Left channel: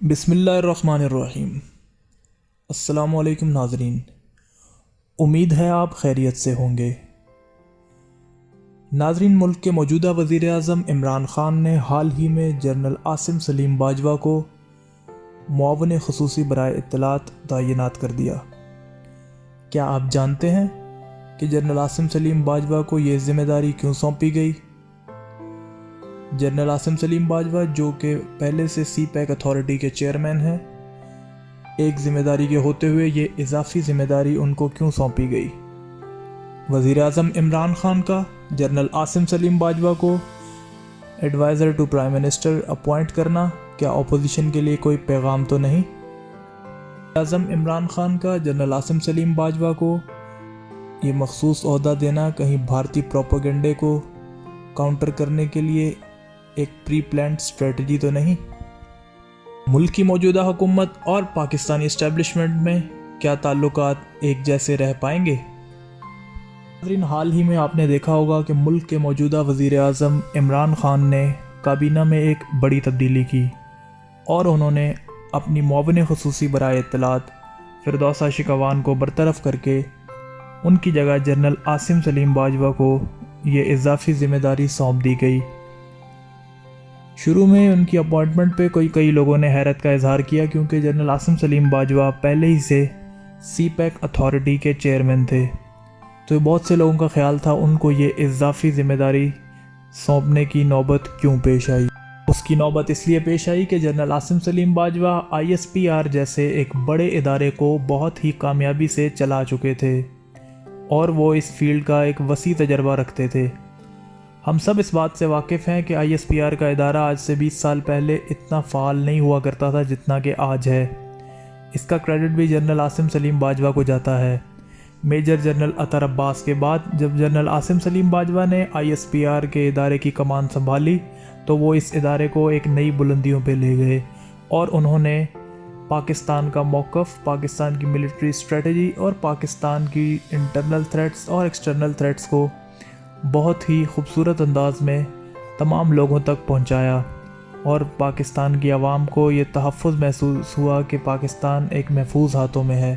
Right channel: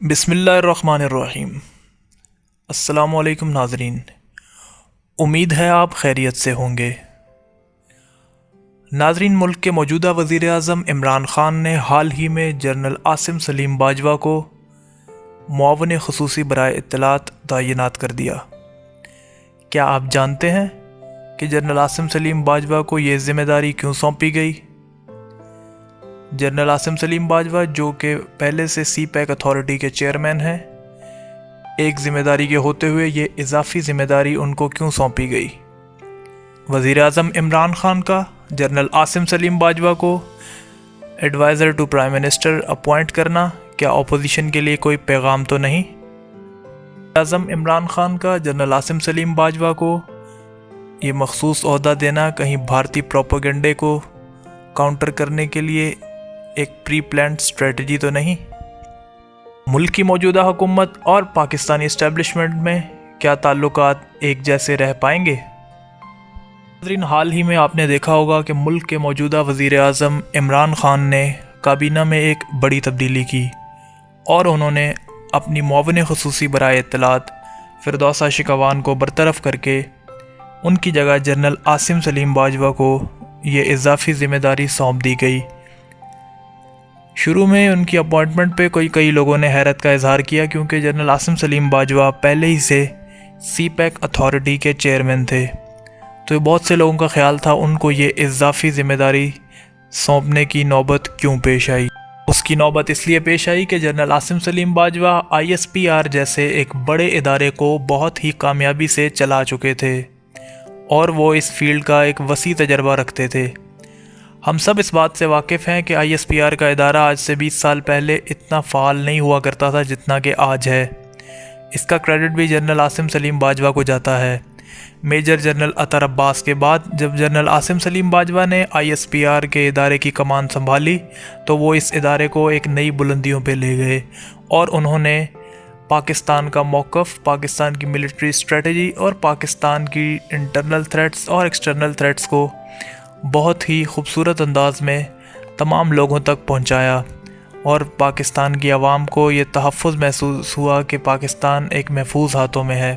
बिस्मिल्लाहिर्रहमानिर्रहीम। अस्सलामु अलैकुम नाज़रीन, उम्मीद है आप खैरियत से होंगे। नाज़रीन, मुल्क के मौजूदा वज़ीर आज़म इमरान ख़ान ने हाल ही में जनरल आसिम सलीम बाजवा को मुआवन ख़ुसूसी बराए इत्तलात तैनात कर दिया। क्या आप जानते हैं कि जनरल आसिम सलीम बाजवा को ये ज़िम्मेदारी क्यों सौंपी गई? जनरल आसिम सलीम बाजवा, जो कि पहले से सी पैक अथॉरिटी के चेयरमैन हैं, एक ज़िम्मेदारी के होते हुए ये इजाफ़ी ज़िम्मेदारी उनको क्यों सौंपी गई? वज़ीर आज़म इमरान ख़ान का जनरल आसिम सलीम बाजवा को adviser to prime minister appoint करना क्या अपोजिशन के लिए कोई पैगाम तो नहीं? आज़म इमरान ख़ान का जनरल आसिम सलीम बाजवा को ये मखसूस ओहदा देना कहीं भारतीय प्रोपेगेंडे को काउंटर करने के लिए एक प्री प्लान्ड स्ट्रेटजी तो नहीं? मुल्क की मौजूदा हुकूमत और पाकिस्तानी इस्टेब्लिशमेंट में क्या ताल्लुकात एक जैसे रह पाएंगे? हाल ही में आपने देखा होगा कि मुल्क के मौजूदा वज़ीर आज़म इमरान ख़ान ने काबीना में एक बड़ी तब्दीली की और उन्होंने अपनी मुआवन ख़ुसूसी बराए इत्तलात फ़िरदौसा शिकवान को बरतरफ करके उनकी जगह जनरल आसिम सलीम बाजवा को ये इजाफ़ी ज़िम्मेदारी सौंप दी गई। शुरू में उनकी अपॉइंटमेंट पे कई लोगों ने हैरत का इजहार किया, क्योंकि जनरल आसिम सलीम बाजवा पहले ही से सी पैक अथॉरिटी के चेयरमैन थे, तो बहुत से लोगों का ख्याल था उनको ये इजाफ़ी ज़िम्मेदारी सौंपने की नौबत क्यों पेश आई। उसकी नौबत इसलिए पेश आई कि जनरल आसिम सलीम बाजवा ISPR जैसे एक बड़े इदारे को बहुत ही कामयाबी से चला चुके थे और वो इस फील्ड का एक वसी तजर्बा रखते थे। हम सब इस बात से वाकिफ़ हैं कि ISPR का इदारा आज से 20 साल पहले इतना फ़ाल नहीं हुआ करता था जितना कि आज है। इसका क्रेडिट भी जनरल आसिम सलीम बाजवा को जाता है। मेजर जनरल अतर अब्बास के बाद जब जनरल आसिम सलीम बाजवा ने ISPR के इदारे की कमान संभाली तो वो इस इदारे को एक नई बुलंदियों पे ले गए और उन्होंने पाकिस्तान का मौक़िफ़, पाकिस्तान की मिलिट्री स्ट्रेटजी और पाकिस्तान की इंटरनल थ्रेट्स और एक्सटर्नल थ्रेट्स को बहुत ही खूबसूरत अंदाज में तमाम लोगों तक पहुंचाया और पाकिस्तान की आवाम को ये तहफ़्फ़ुज़ महसूस हुआ कि पाकिस्तान एक महफूज हाथों में है।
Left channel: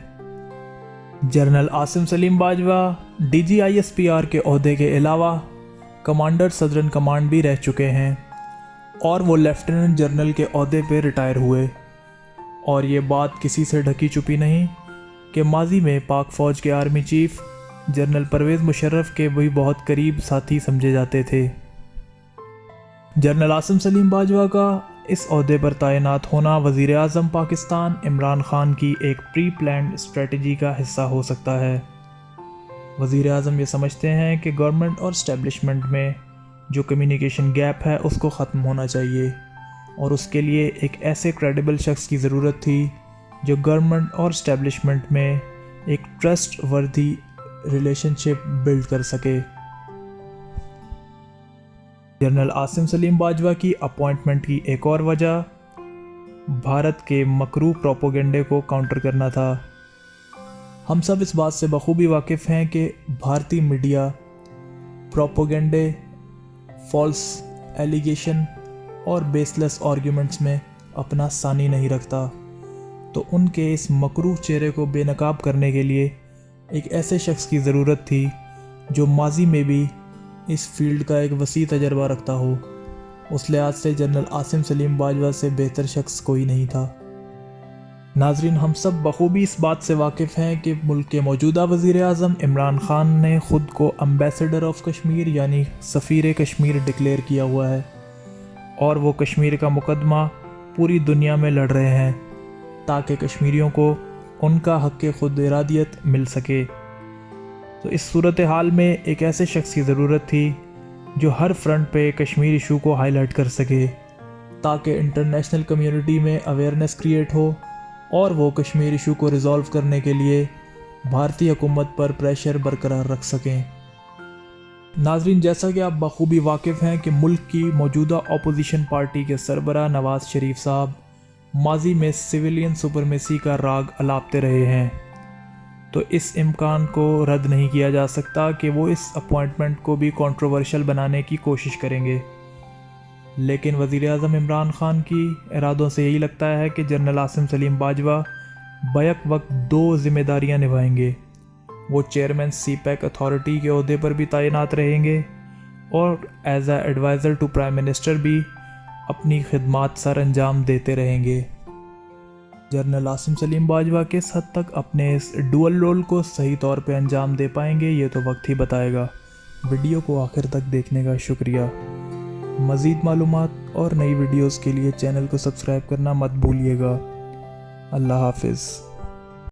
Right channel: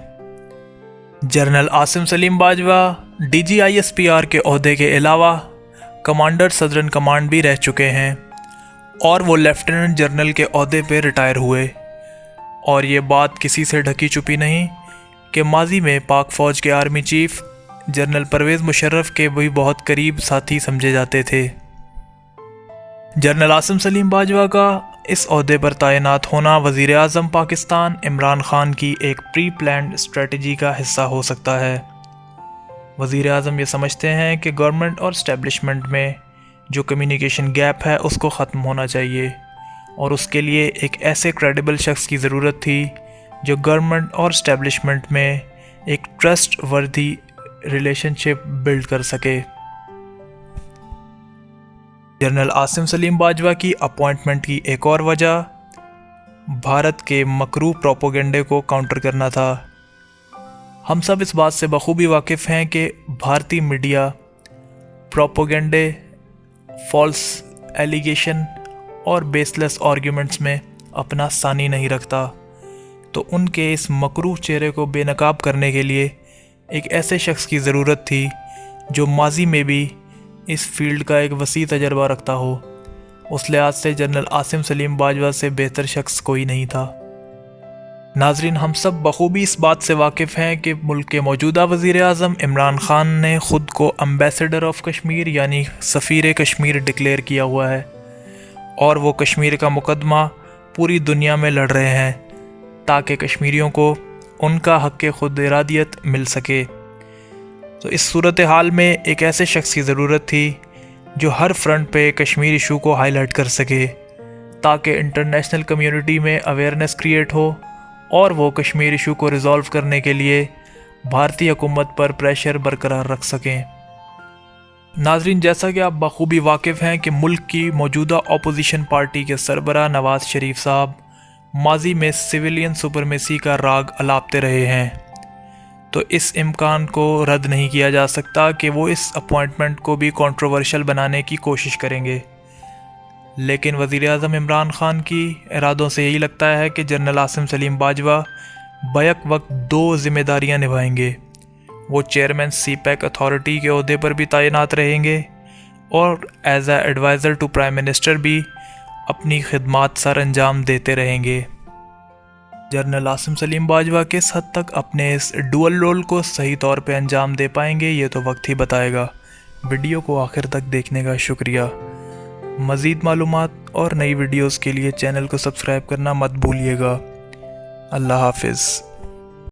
General Asim Saleem Bajwa DG ISPR के ओहदे के अलावा कमांडर सदरन कमांड भी रह चुके हैं और वो लेफ्टिनेंट जनरल के ओहदे पे रिटायर हुए। और ये बात किसी से ढकी छुपी नहीं कि माजी में पाक फ़ौज के army chief general Pervez Musharraf के भी बहुत करीब साथी समझे जाते थे। जनरल आसिम सलीम बाजवा का इस ओहदे पर तैनात होना वज़ीर आज़म पाकिस्तान इमरान ख़ान की एक प्री प्लान्ड स्ट्रेटजी का हिस्सा हो सकता है। वज़ीर आज़म ये समझते हैं कि गवर्नमेंट और इस्टेब्लिशमेंट में जो कम्युनिकेशन गैप है उसको ख़त्म होना चाहिए और उसके लिए एक ऐसे क्रेडिबल शख्स की ज़रूरत थी जो गवर्नमेंट और इस्टेब्लिशमेंट में एक ट्रस्ट वर्दी रिलेशनशिप बिल्ड कर सके। जनरल आसिम सलीम बाजवा की अपॉइंटमेंट की एक और वजह भारत के मकरू प्रोपेगेंडे को काउंटर करना था। हम सब इस बात से बखूबी वाकिफ़ हैं कि भारतीय मीडिया प्रोपेगेंडे, फॉल्स एलिगेशन और बेसलेस आर्ग्यूमेंट्स में अपना सानी नहीं रखता, तो उनके इस मकरूह चेहरे को बेनकाब करने के लिए एक ऐसे शख्स की ज़रूरत थी जो माजी में भी इस फील्ड का एक वसी तजर्बा रखता हो। उस लिहाज से जनरल आसिम सलीम बाजवा से बेहतर शख्स कोई नहीं था। नाजरीन, हम सब बखूबी इस बात से वाकिफ़ हैं कि मुल्क के मौजूदा वज़ीर आज़म इमरान ख़ान ने ख़ुद को एम्बेसडर ऑफ कश्मीर यानी सफ़ीर कश्मीर डिक्लेयर किया हुआ है और वो कश्मीर का मुकदमा पूरी दुनिया में लड़ रहे हैं ताकि कश्मीरियों को उनका हक़ खुद इरादियत मिल सके। तो इस सूरत हाल में एक ऐसे शख्स की ज़रूरत थी जो हर फ्रंट पे कश्मीर इशू को हाईलाइट कर सके ताकि इंटरनेशनल कम्युनिटी में अवेयरनेस क्रिएट हो और वो कश्मीर इशू को रिज़ॉल्व करने के लिए भारतीय हुकूमत पर प्रेशर बरकरार रख सकें। नाजरीन, जैसा कि आप बखूबी वाकिफ़ हैं कि मुल्क की मौजूदा अपोजिशन पार्टी के सरबराह नवाज़ शरीफ साहब माजी में सिविलियन सुपरमेसी का राग अलापते रहे हैं, तो इस इम्कान को रद्द नहीं किया जा सकता कि वो इस अपॉइंटमेंट को भी कंट्रोवर्शियल बनाने की कोशिश करेंगे। لیکن وزیر اعظم عمران خان کی ارادوں سے یہی لگتا ہے کہ جنرل عاصم سلیم باجوہ بیک وقت 2 ذمہ داریاں نبھائیں گے۔ وہ چیئرمین سی پیک اتھارٹی کے عہدے پر بھی تعینات رہیں گے اور as a adviser to prime minister بھی اپنی خدمات سر انجام دیتے رہیں گے۔ جنرل عاصم سلیم باجوہ کس حد تک اپنے اس ڈول رول کو صحیح طور پہ انجام دے پائیں گے یہ تو وقت ہی بتائے گا۔ ویڈیو کو آخر تک دیکھنے کا شکریہ۔ مزید معلومات اور نئی ویڈیوز کے لیے چینل کو سبسکرائب کرنا مت بھولیے گا۔ اللہ حافظ۔